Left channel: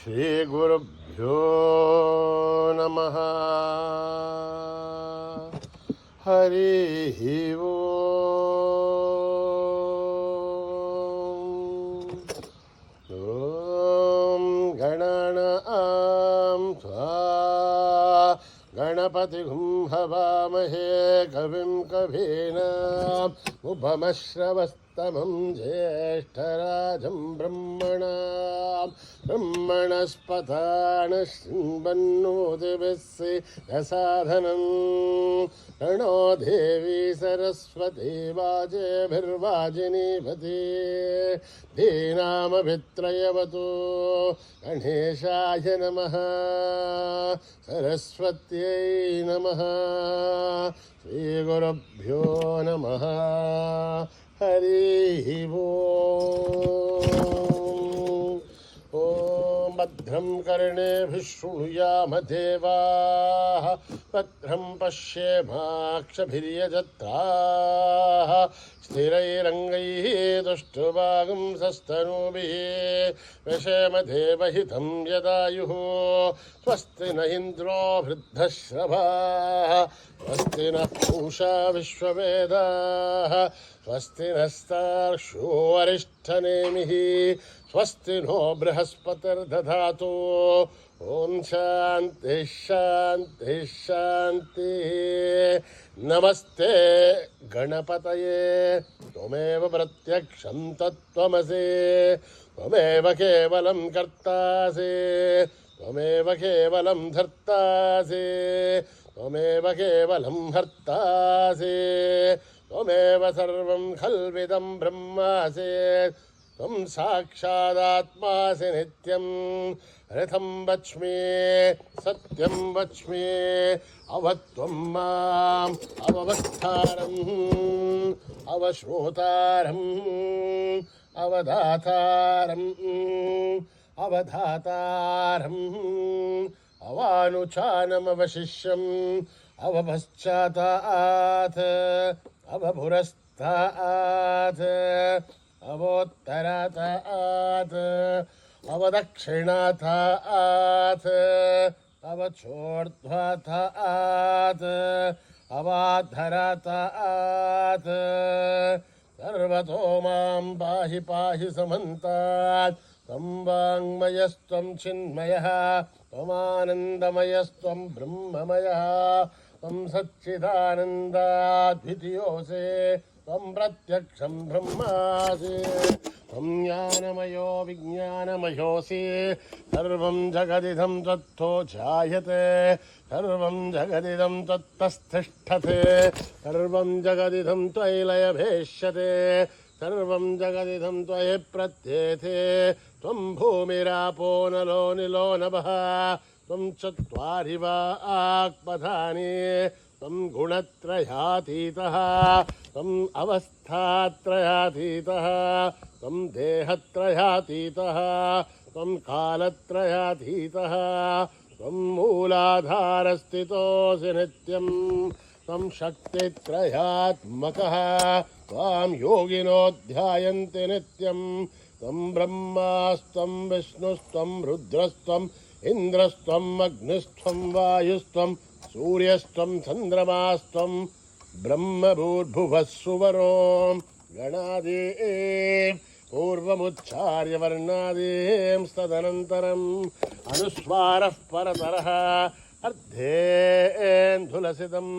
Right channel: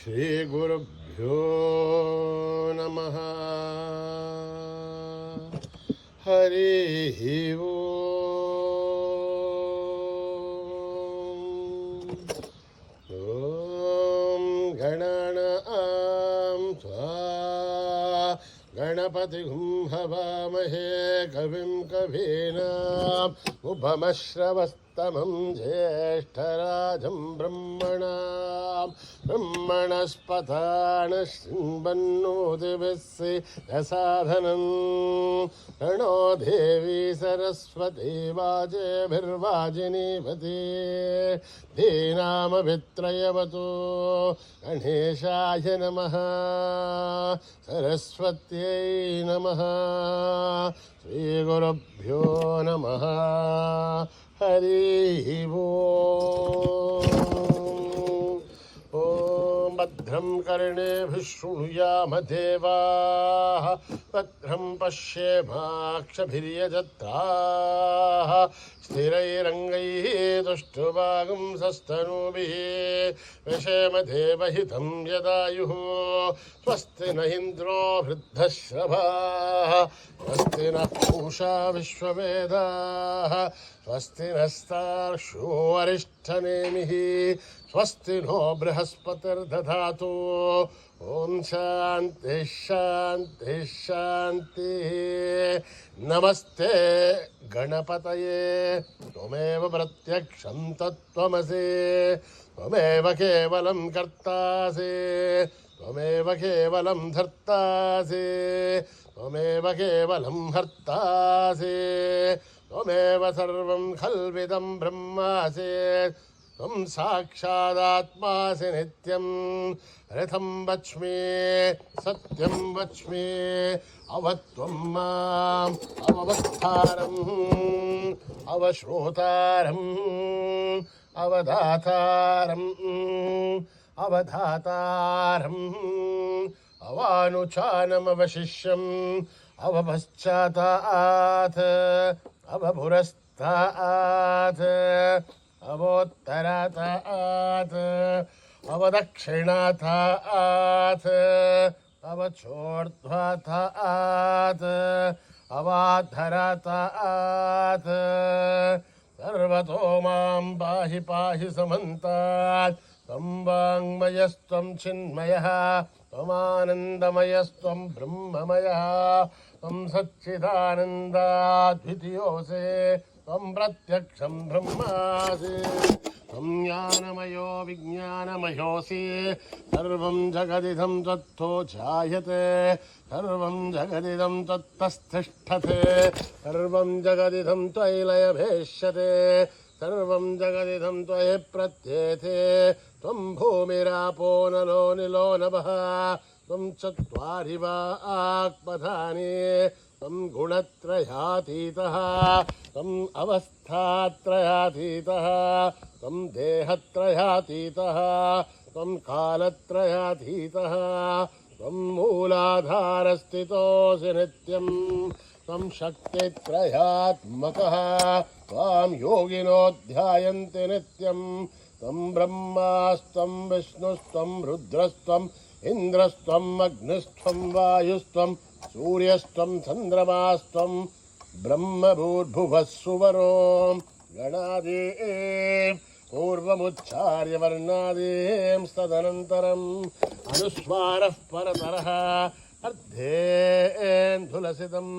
श्रीगुरुभ्यो नमः। हरिः ओम्। ॐ गणानां त्वा गणपतिं हवामहे कविं कवीनाम् उपमश्रवस्तमं ज्येष्ठराजं ब्रह्मणस्पतान शृण्वन्नोतिभिस्सिरसाधनं प्रणो देवी सरस्वती वाजेभिर्वाजिनीपति धीनामभित्रयवतु गणेशाय नमः सरस्वत्यै नमः श्रीगुरुभ्यो नमः हरिः ओम्। ॐ भद्रं कर्णेभिः शृणुयाम देवाः भद्रं पश्येमाक्षभिर्यजत्राः स्थिरैरङ्गैः तुष्टुवागुंसस्तनूभिः विषेम देवहितं यदायुः स्वस्ति न इन्द्रो वृद्धश्रवाः स्वस्ति नः पूषा विश्ववेदाः स्वस्ति नस्तार्क्ष्यो अरिष्ठनेमिः स्वस्ति नो बृहस्पतिर्दधातु ॐ शान्ति शान्ति शान्तिः। नमस्ते गणपतये त्वमेव प्रत्यक्षं तत्त्वमसि त्वमेव केवलं कर्तासि त्वमेव केवलं धर्तासि त्वमेव केवलं हर्तासि त्वमेव सर्वं खल्विदं ब्रह्मासि त्वं साक्षादात्मासि नित्यं रथं वच्मि सत्यं वच्मि अवत्वं माम् अववक्तारम् अवश्रोतारम् अवधातारम् अवधातारम् अवानुचानमवशिष्यम् अवपश्चातात् अवपुरस्तात् अवोत्तरातात् अवदक्षिणातात् अवचोर्ध्वातात् अवाधरातात् सर्वतो मां पाहि पाहि समन्तात् त्वं वाङ्मयस्त्वं चिन्मयः त्वमानन्दमयस्त्वं ब्रह्ममयः त्वं सच्चिदानन्दाद्वितीयोऽसि त्वं प्रत्यक्षं ब्रह्मासि त्वं ज्ञानमयो विज्ञानमयोऽसि सर्वं जगदिदं त्वत्तो जायते सर्वं जगदिदं त्वत्तस्तिष्ठते सर्वं जगदिदं त्वयि लयभेष्यते सर्वं जगदिदं त्वयि प्रत्येते त्वं भूमिरापो नलो निलो नभः त्वं चत्वारि वाक्पदानि त्वं गुणत्रयातीतः त्वम् अवस्थात्रयातीतः त्वं देहत्रयातीतः त्वं कालत्रयातीतः त्वं मूलाधारस्थितोऽसि नित्यं त्वं शक्तित्रयात्मकः त्वां योगिनो ध्यायन्ति नित्यं त्वं ब्रह्मास्त्वं विष्णुस्त्वं रुद्रस्त्वम् इन्द्रस्त्वम् अग्निस्त्वं वायुस्त्वं सूर्यस्त्वं चन्द्रमास्त्वं ब्रह्मभूर्भुवः सुवरो गणादीं पूर्वमुच्चार्य वर्णादीं तदनन्तरम् अनुस्वारः परतरः अर्धेन्दुलसितम्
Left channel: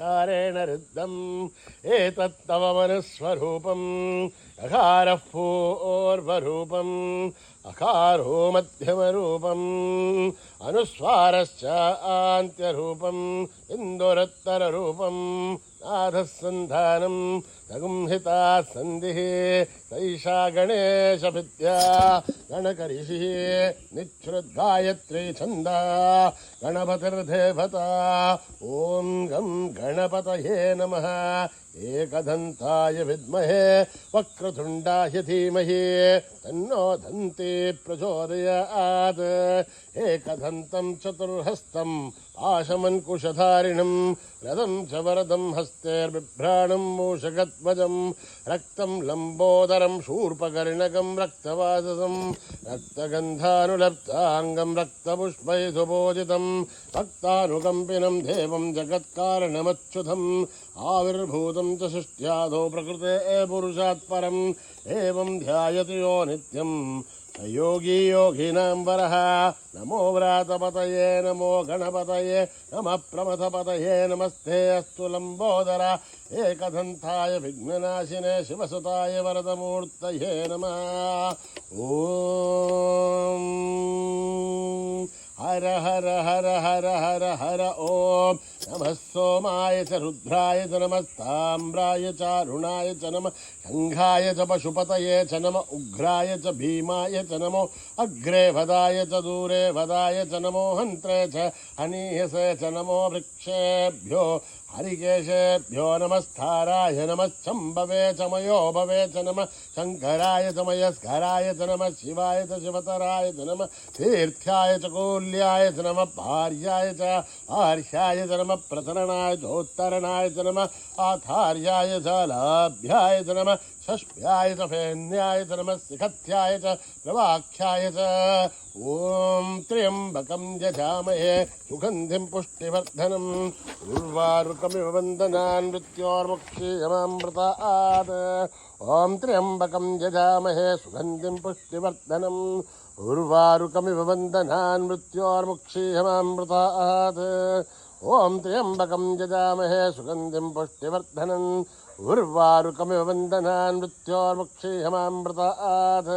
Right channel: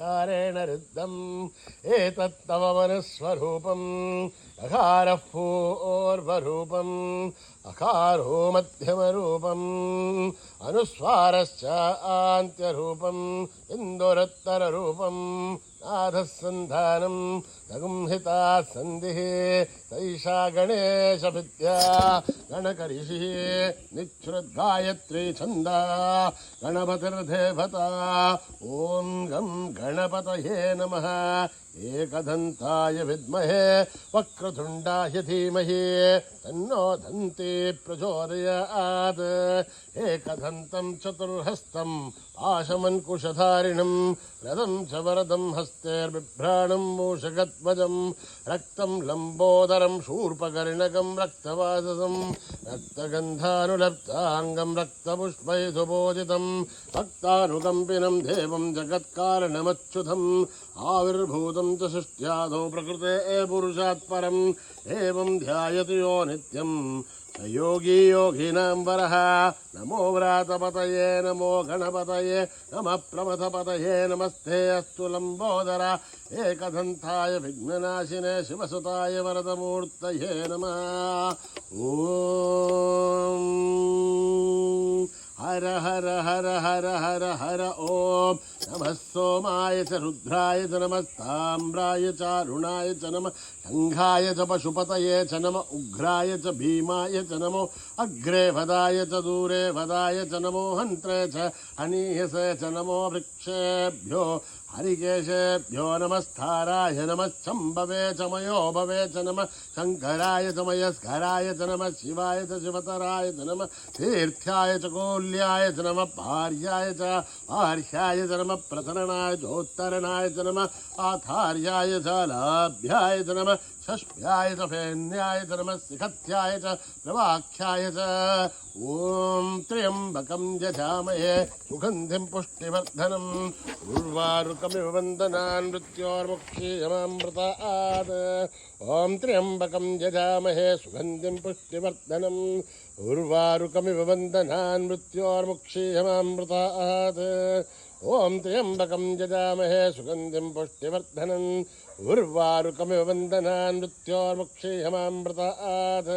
कारेण रुद्धम् एतत्तव मनस्वरूपम् अकारः पूर्वरूपम् अकारो मध्यमरूपम् अनुस्वारश्च आन्त्यरूपम् इन्दुरत्तररूपम् नाथः सन्धानम् तगुंहिता सन्धिः सैषा गणेशविद्या गणकरिषिः निच्छ्रुद्गायत्री छन्दा गणपतिर्देवता ॐ गं गणपतये नमः एकदन्ताय विद्महे वक्रतुण्डाय धीमहि तन्नो दन्ती प्रचोदयात् एकदन्तं चतुर्हस्तं ఆశమన్కుశధారిణం రథం చ వరదం హస్తేర్బిభ్రాణం మూషకధ్వజం రక్తం లంబోదరం శూర్పకర్ణకం రక్తవాససం రక్తగంధానులప్తాంగం రక్తపుష్పైసుబోధితం భక్తానుకంపినం దేవం జగత్కారణమచ్యుతం ఆవిర్భూతం చ సృష్ట్యాదో ప్రకృతే పురుషాత్ పరం ఏవం ధ్యాయతి యో నిత్యం యోగీ యోగినాం వరః నమో వ్రాతపతయే నమో గణపతయే నమః ప్రమథపతయే నమస్తే అస్తు లంబోదర ఏకదంతాయ విఘ్ననాశినే శివసుతాయ వరదమూర్తయే నమః. ఓం హర హర హర హర హర హర ఓం నమః సోమాయ చ రుద్రాయ చ నమస్తామ్రాయ చ అరుణాయ చ నమః శంఘాయ చ పశుపతయే చ నమః ఉగ్రాయ చ భీమాయ చ నమో అగ్రే వదాయ చ దూరే వదాయ చ నమో హంత్రే చ హనీయసే చ నమో వృక్షేభ్యో హరికేశేభ్యో నమస్తారాయ నమశ్చంభవే చ మయోభవే చ నమః శంకరాయ చ మయస్కరాయ చ నమః శివాయ చ శివతరాయ చ నమః తీర్థ్యాయ చ కూల్యాయ చ నమః భార్యాయ చ ఆర్ష్యాయ చ నమః ప్రసరణాయ చోత్తరణాయ చ నమః ఆధార్యాయ చ లాభ్యాయ చ నమః షష్భ్యాయ చ ఫేన్యాయ చ నమః శిఖత్యాయ చ ప్రవాఖ్యాయ చ. ఓం త్ర్యంబకం యజామహే సుగంధిం పుష్టివర్ధనం ఉర్వారుకమివ వందనాన్ మృత్యోర్ముక్షీయమామృతాత్. ఓం త్ర్యంబకం యజామహే సుగంధిం పుష్టివర్ధనం ఉర్వారుకమివ వందనాన్ మృత్యోర్ముక్షీయమామృతాత్. ఓం త్ర్యంబకం యజామహే సుగంధిం పుష్టివర్ధనం ఉర్వారుకమివ వందనాన్ మృత్యోర్ముక్షీయమామృతాత్.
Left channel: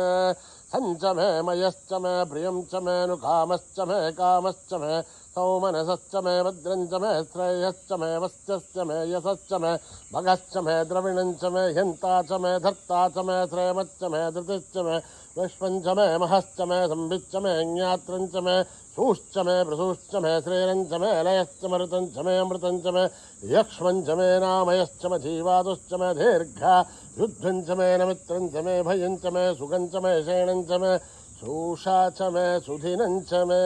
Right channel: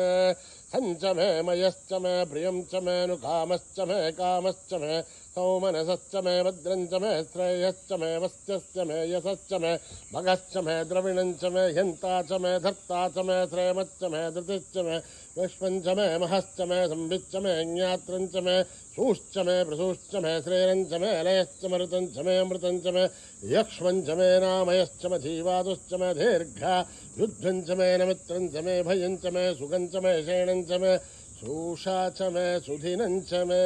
సంచ మే మయశ్చ మే ప్రియం చ మే నుకామశ్చ మే కామశ్చ మే సౌమనసశ్చ మే భద్రం చ మే శ్రేయశ్చ మే వస్త్యశ్చ మే యశశ్చ మే భగశ్చ మే ద్రవిణం చ మే హ్యంతా చ మే ధర్తా చ మే శ్రేమశ్చ మే ధృతిశ్చ మే విశ్వం చ మే మహశ్చ మే సంవిచ్చ మే జ్ఞాత్రం చ మే సూశ్చ మే ప్రసూశ్చ మే శ్రీరం చ మే లయశ్చ మృతం చ మే అమృతం చ మే యక్ష్మం చ మే నామయశ్చ మే జీవాదుశ్చ మే దీర్ఘ యుద్ధం చ మే నమిత్రం చ మే భయం చ మే సుఖం చ మే శయనం చ మే శూషా చ మే సుధినం చ మే.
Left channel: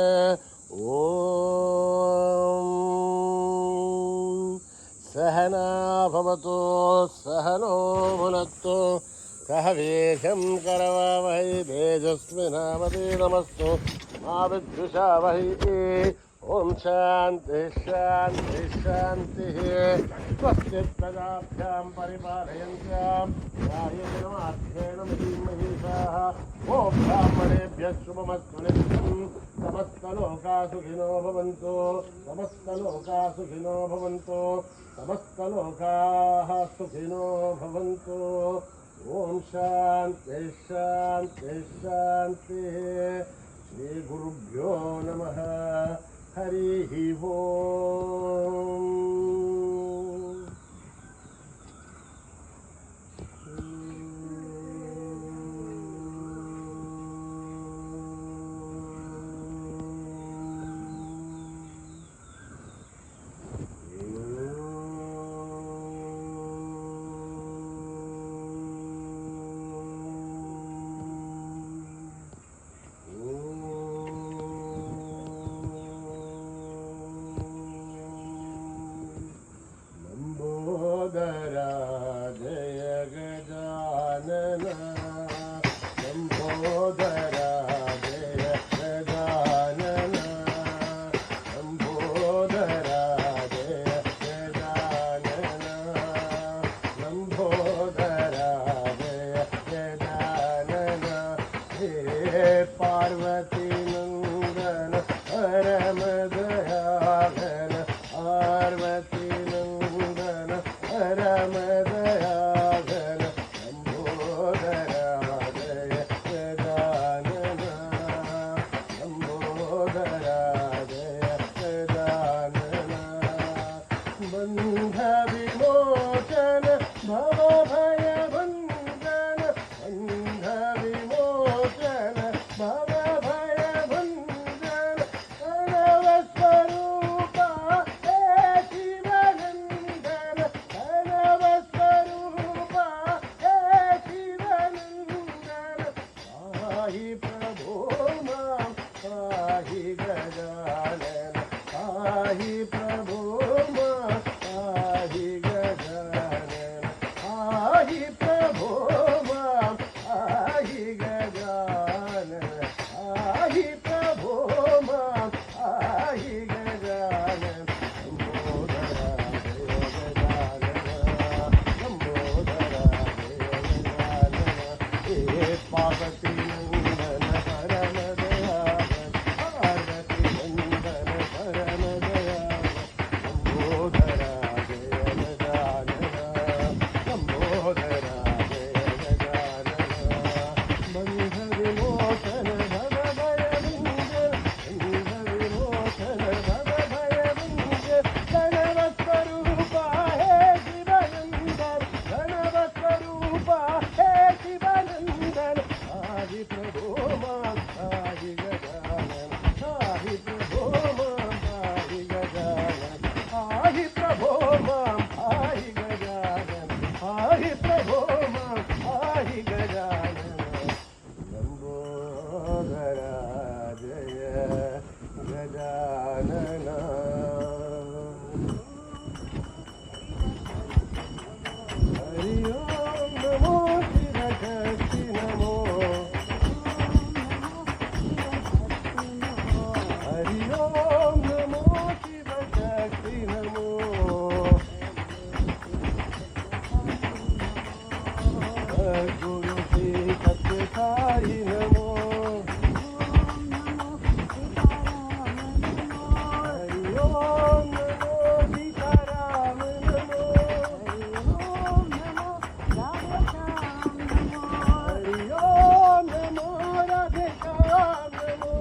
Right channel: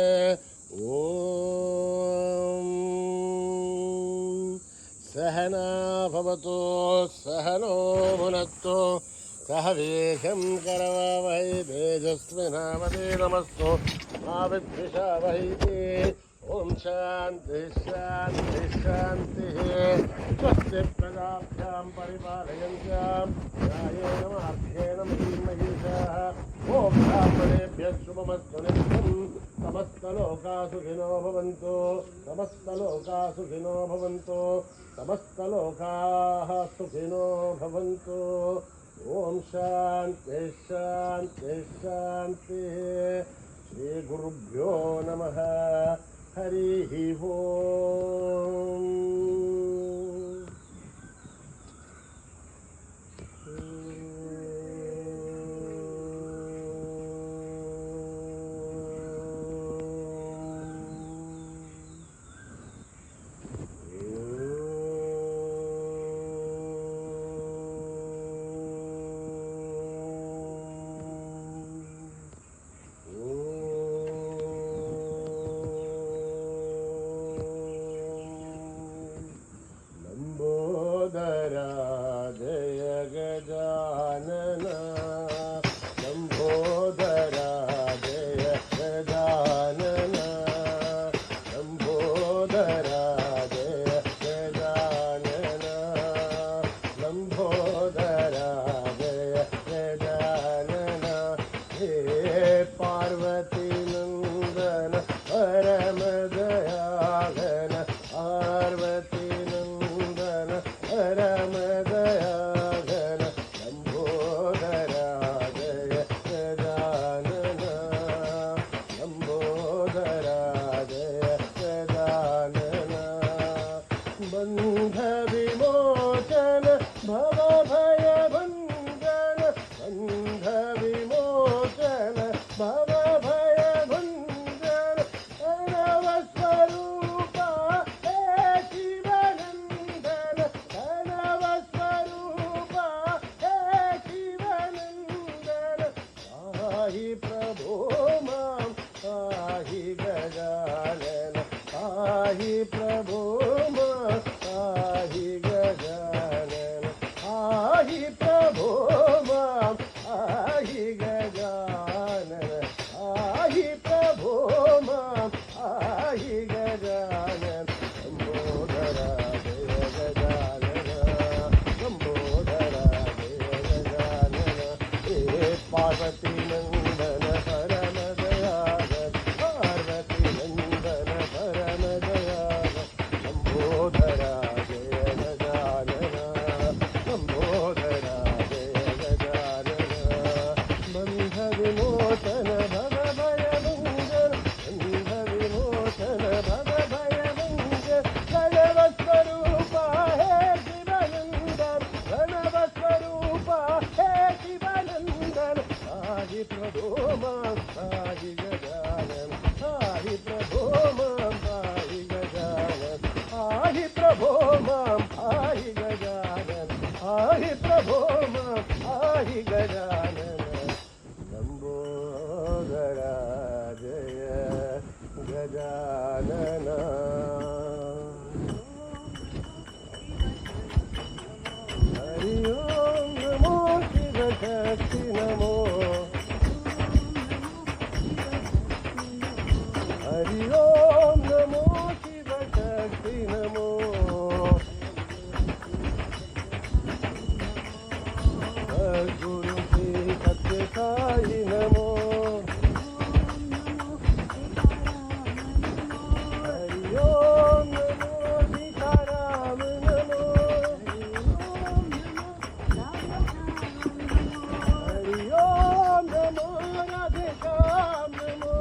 ఓం సహనా భవతు సహనో భునత్తు సహ వీర్యం కరవావహై తేజస్వినావధీతమస్తు మా విద్విషావహై. ఓం శాంతి శాంతి శాంతి. స్వస్తి ప్రజాభ్యాం పరిపాలయంత్యాం న్యాయేన మార్గేణ మహీమహీషాః. ఓం బ్రాహ్మణేభ్యः శుభమస్తు నిత్యం. సమస్తలోకా సుఖినో భవంతు. సమస్తలోకా సుఖినో భవంతు. సమస్తలోకాః సుఖినో భవంతు. ఓం శాంతి శాంతి శాంతి. శ్రీ గురుభ్యో నమః. హరి ఓం. प्रभो मां पाहि गजानन पाहि प्रभो मां पाहि गजानन लंबोदरा जय गजानन लंबोदरा जय गजानन हे पार्वती नंदन परम दयाल पार्वती नंदन परम दयाल लंबोदरा जय गजानन लंबोदरा जय गजानन बंध विमोचन भव भय मंगल बंध विमोचन भव भय मंगल गणव स्वरूपा हे शिवानंदन गणव स्वरूपा हे शिवानंदन पाहि प्रभो मां पाहि गजानन पाहि प्रभो मां पाहि गजानन पाहि प्रभो मां पाहि गजानन पाहि प्रभो मां पाहि गजानन लंबोदरा जय गजानन हरि ओम नमो शिव शक्ति नमो हरि ओम नमो शिव शक्ति नमो गुरु श्री सत्य साई नमो हरि ओम नमो सीताराम नमो हरि ओम नमो राधे श्याम नमो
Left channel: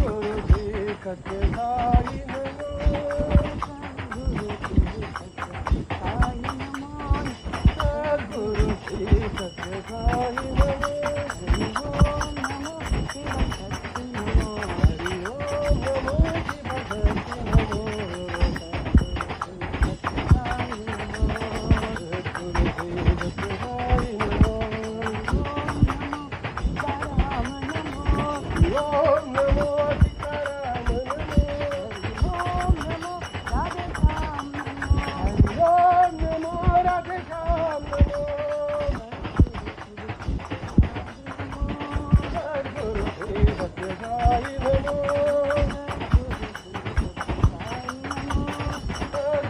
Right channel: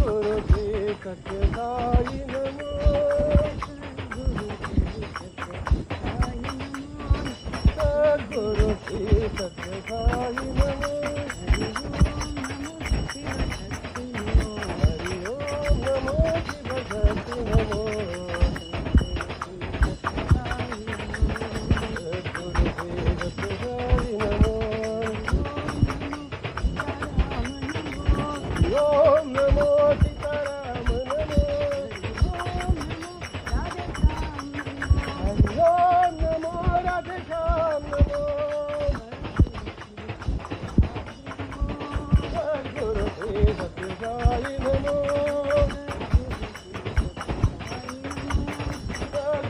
गुरु श्री सत्य साई नमो गुरु श्री सत्य साई नमो हरि ओम नमो शिव शक्ति नमो हरि ओम नमो शिव शक्ति नमो गुरु श्री सत्य साई नमो ओम नमो सीताराम नमो ओम नमो राधे श्याम नमो हरि ओम नमो राधे श्याम नमो गुरु श्री सत्य साई नमो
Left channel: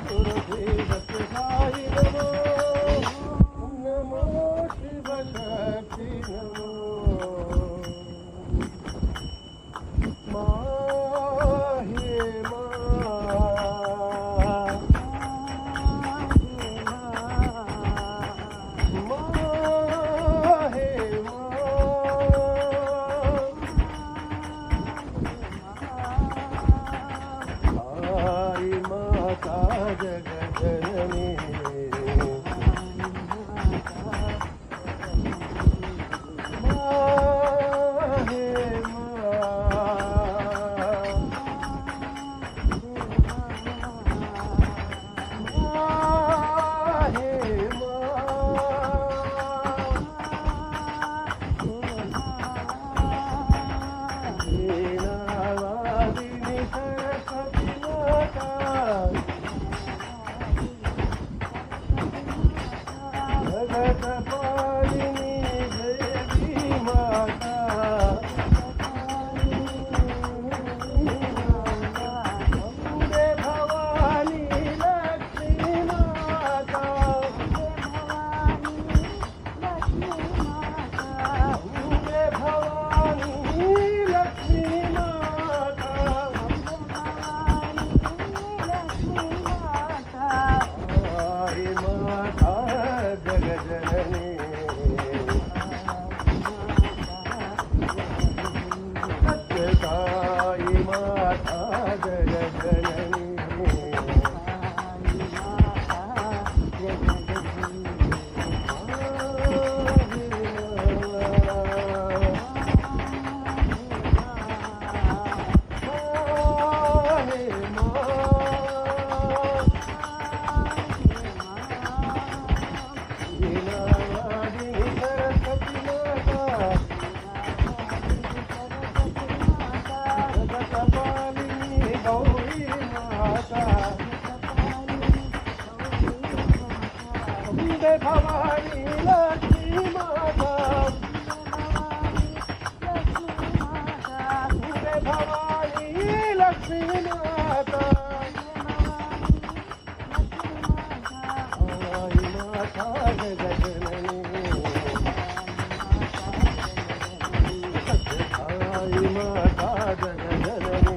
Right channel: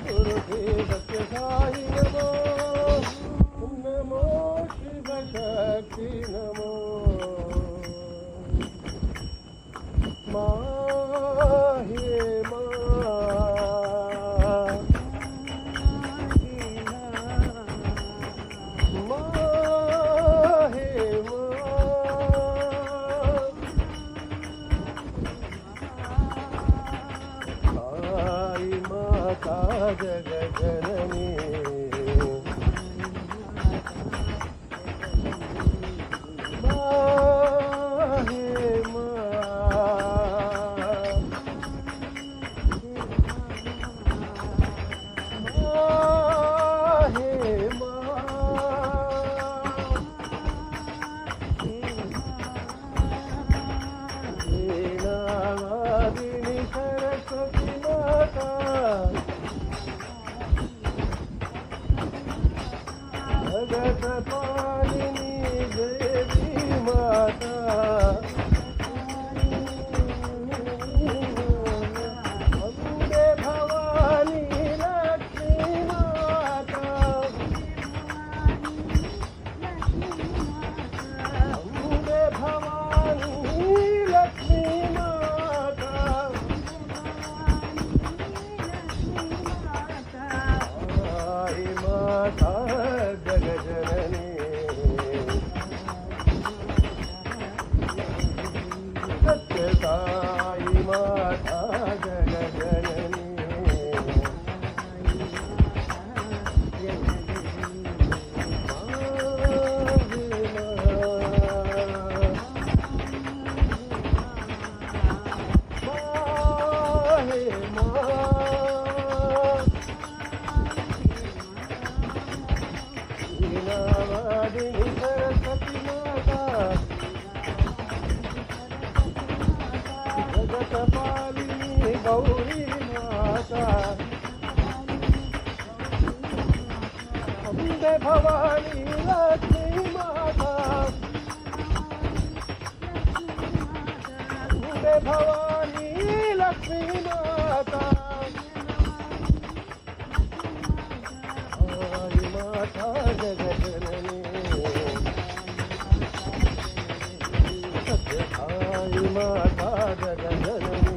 गुरु श्री सत्य साई नमो नमो शिव शक्ति नमो माहे माता जगत భవానీ లక్ష్మీ మాతా భవానీ లక్ష్మీ మాతా మాతా జగజననీ మాతా జగజననీ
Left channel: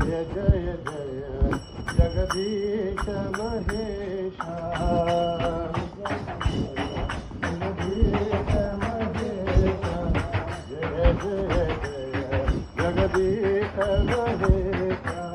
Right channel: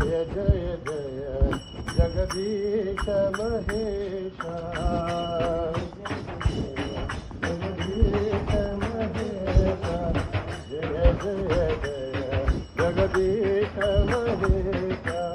जय जय जय जगदीश महेशा जगदीश महेशा जय जय जय जगदीश महेशा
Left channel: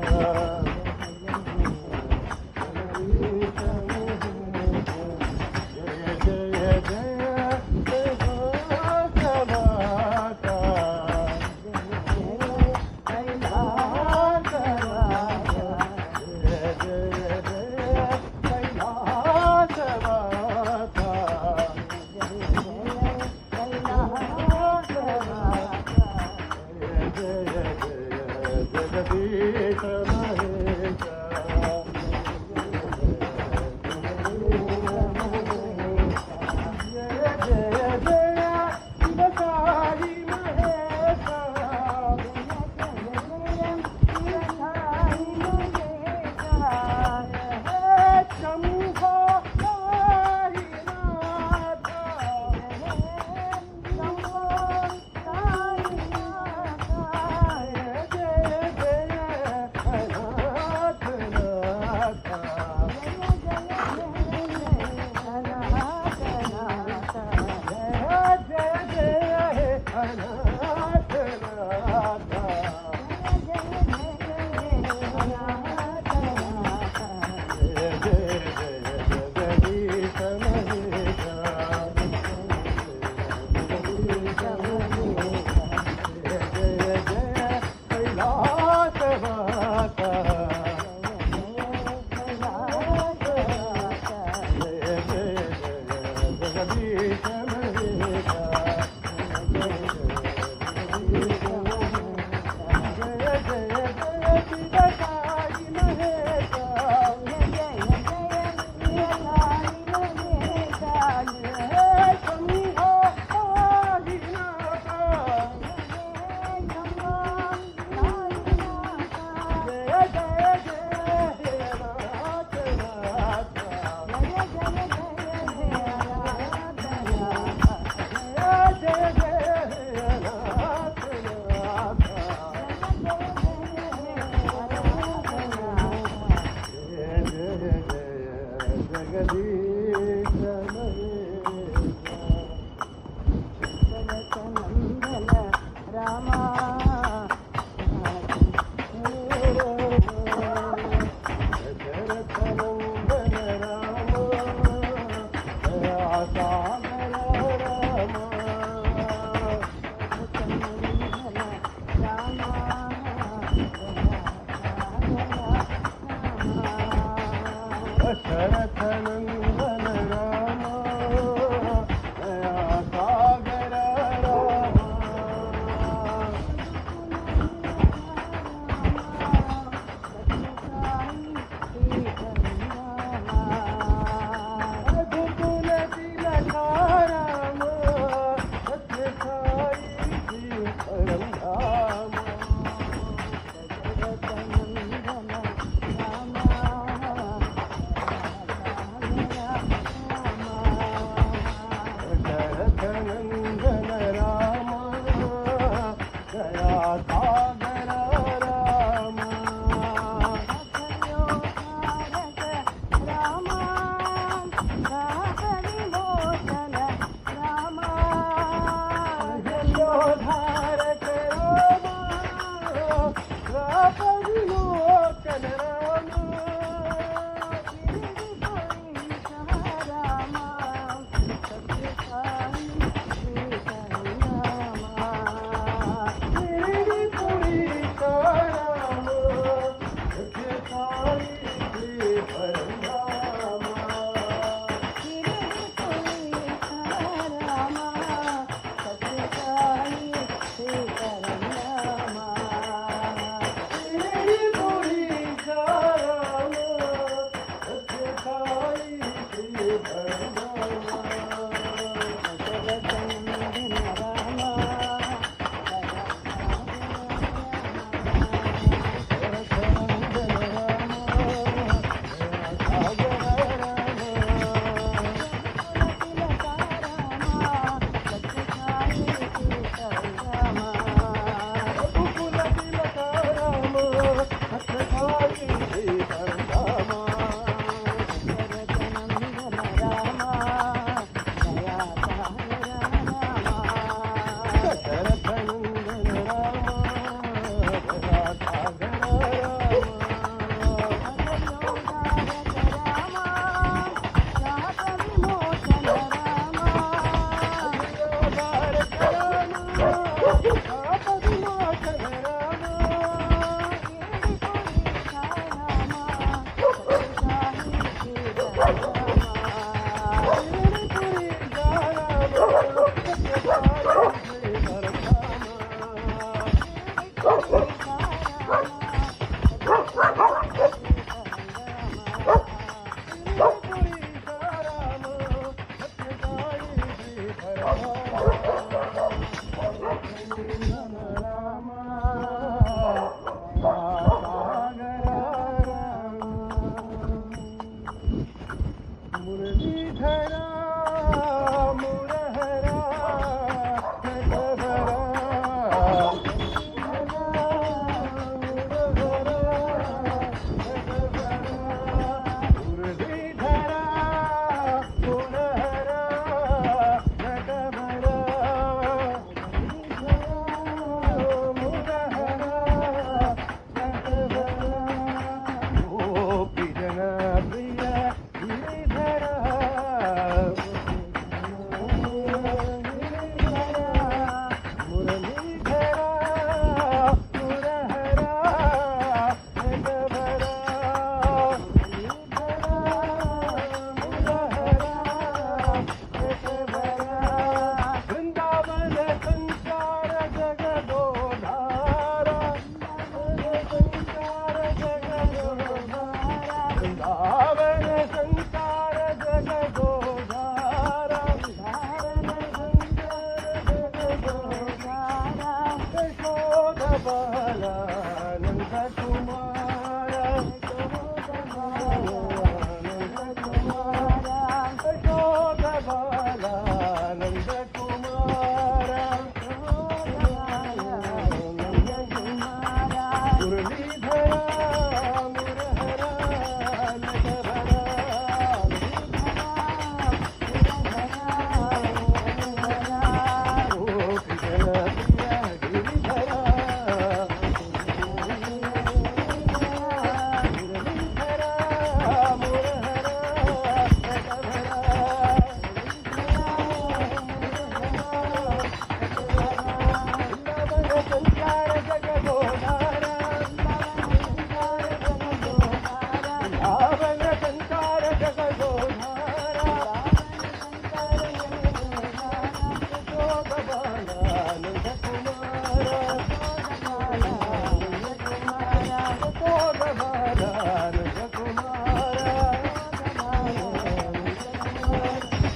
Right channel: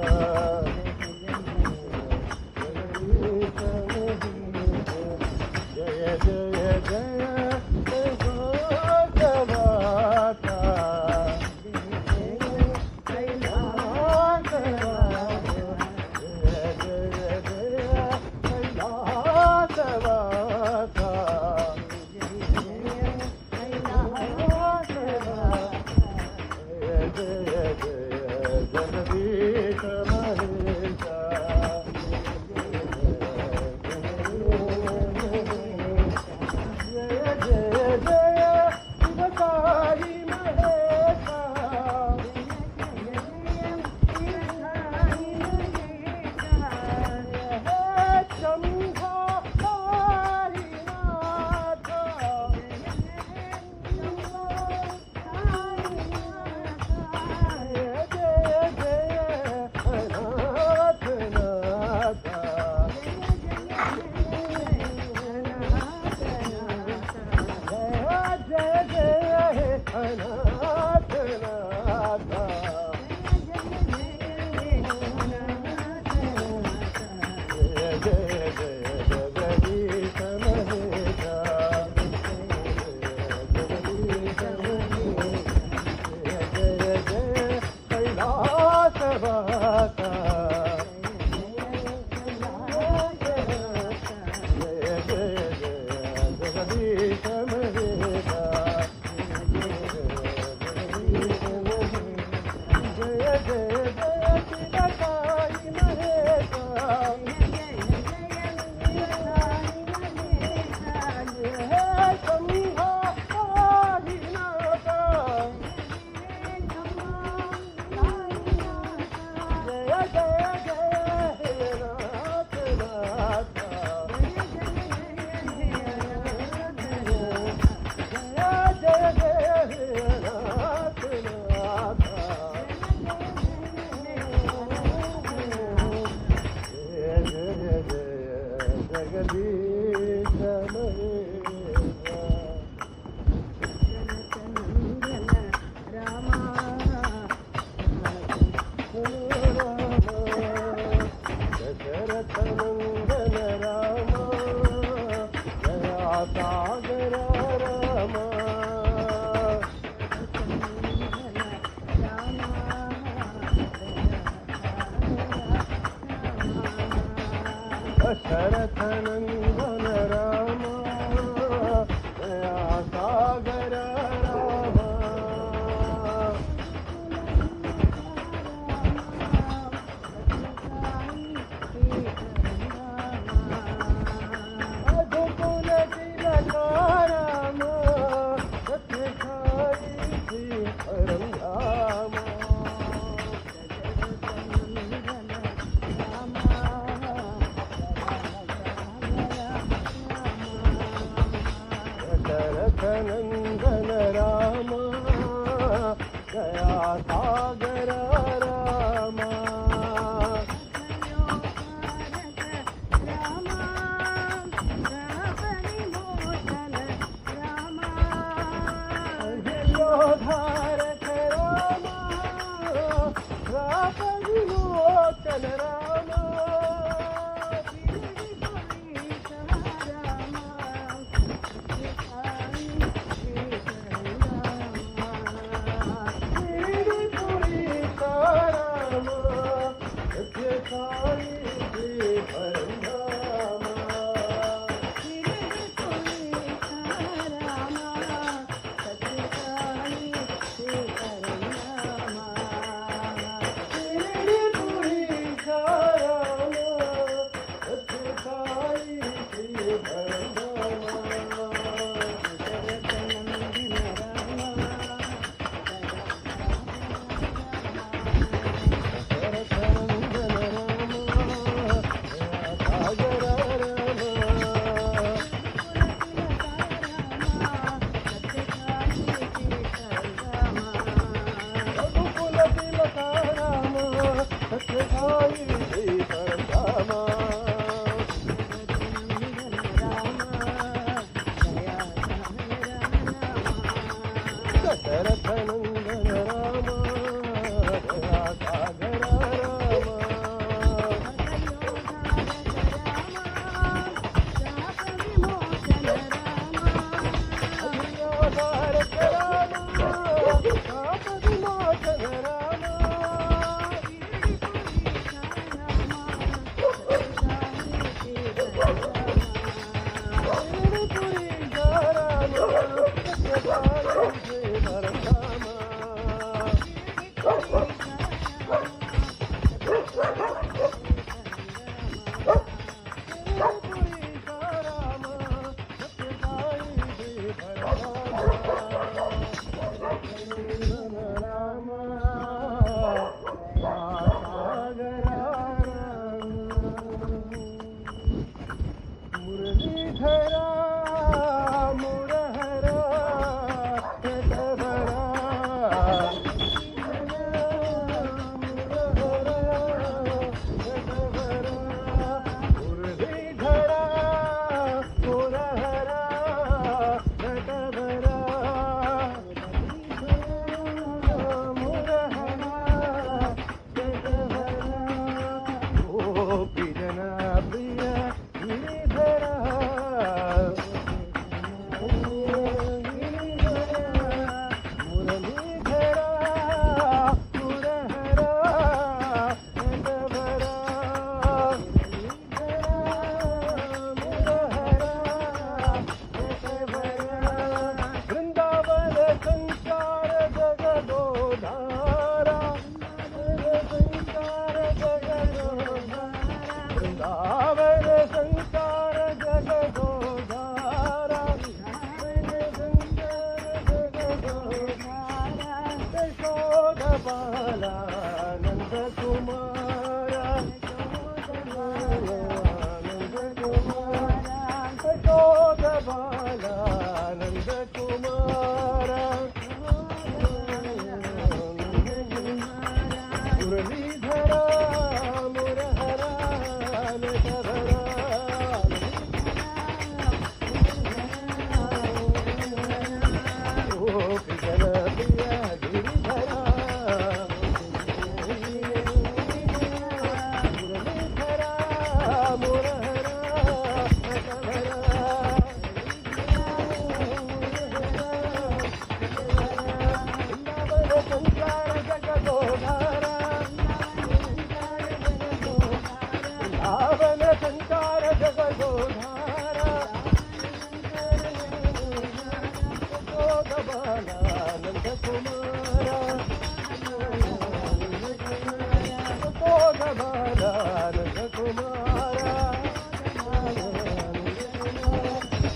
जगदीश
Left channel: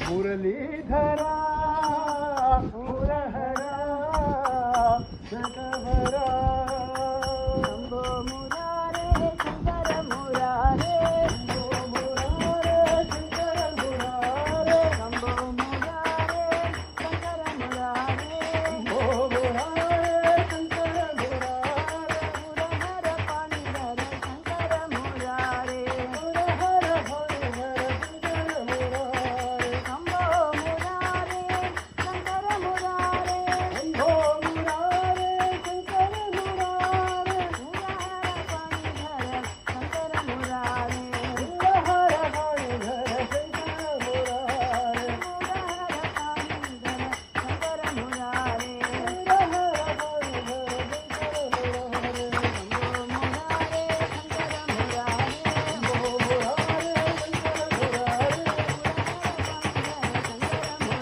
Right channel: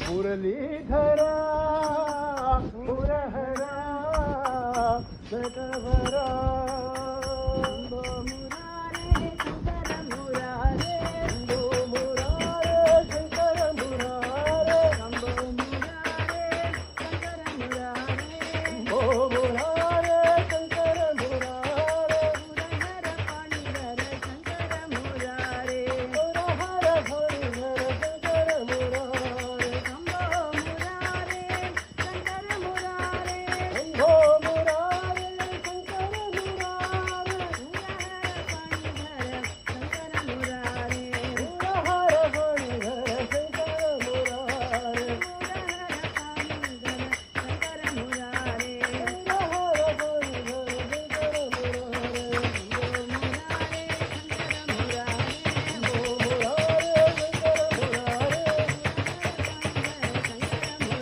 मुरलीधरा मुरहरा सकवरा शंभो मुरारे शंकर मुरारे शंभो मुरारे शंकर मुरारे शंभो मुरारे शंकर मुरारे शंभो मुरारे शंकर मुरारे मुरहर पाणिधर शंकर मुरारे मुरहर पाणिधर शंकर मुरारे शंभो मुरारे शंकर मुरारे शंभो मुरारे शंकर मुरारे मुरहर पाणिधर शंकर मुरारे मुरहर पाणिधर शंकर मुरारे मुरहर पाणिधर शंकर मुरारे मुरहर पाणिधर शंकर मुरारे शंभो मुरारे शंकर मुरारे शंभो मुरारे शंकर मुरारे शंकर मुरारे मुरहर पाणिधर शंकर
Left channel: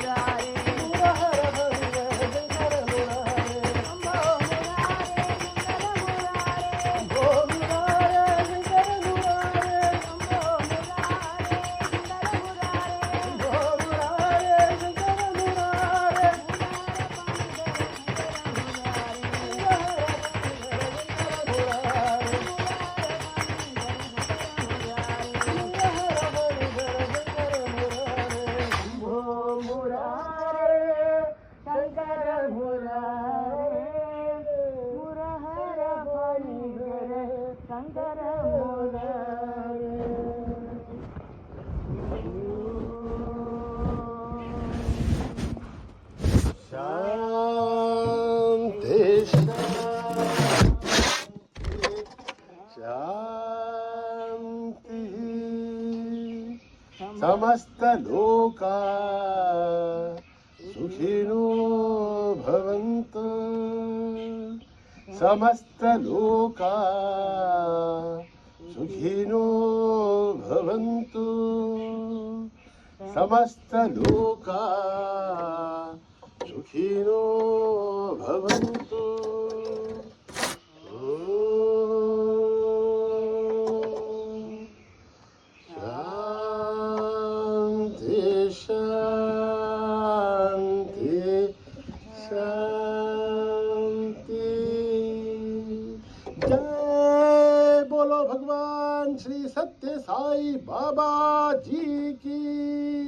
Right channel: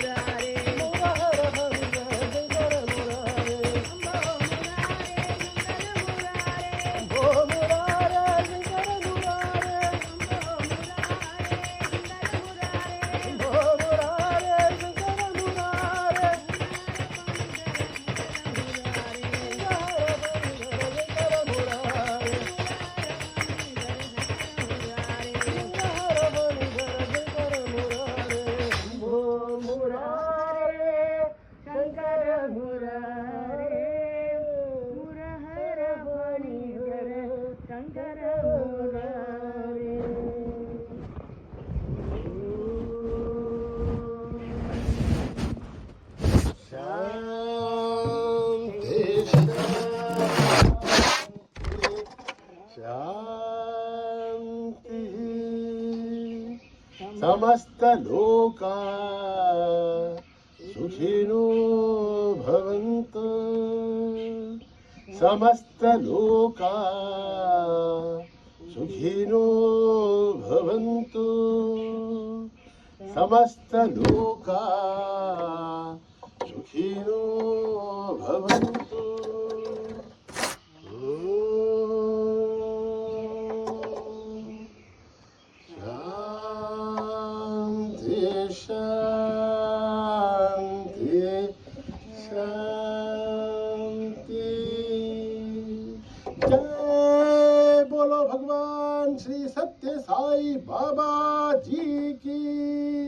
मुरारे शंभो मुरारे शंकर मुरारे शंभो मुरारे शंकर मुरारे शंभो मुरारे शंकर मुरारे शंभो मुरारे शंकर मुरारे मुरहर पाणिधर शंकर मुरारे शांति शांति समस्त लोका सुखिनो भवन्तु समस्त लोका सुखिनो भवन्तु समस्त लोका सुखिनो भवन्तु शांति शांति शांति जय बोलो भगवान श्री सत्य साई बाबा जी की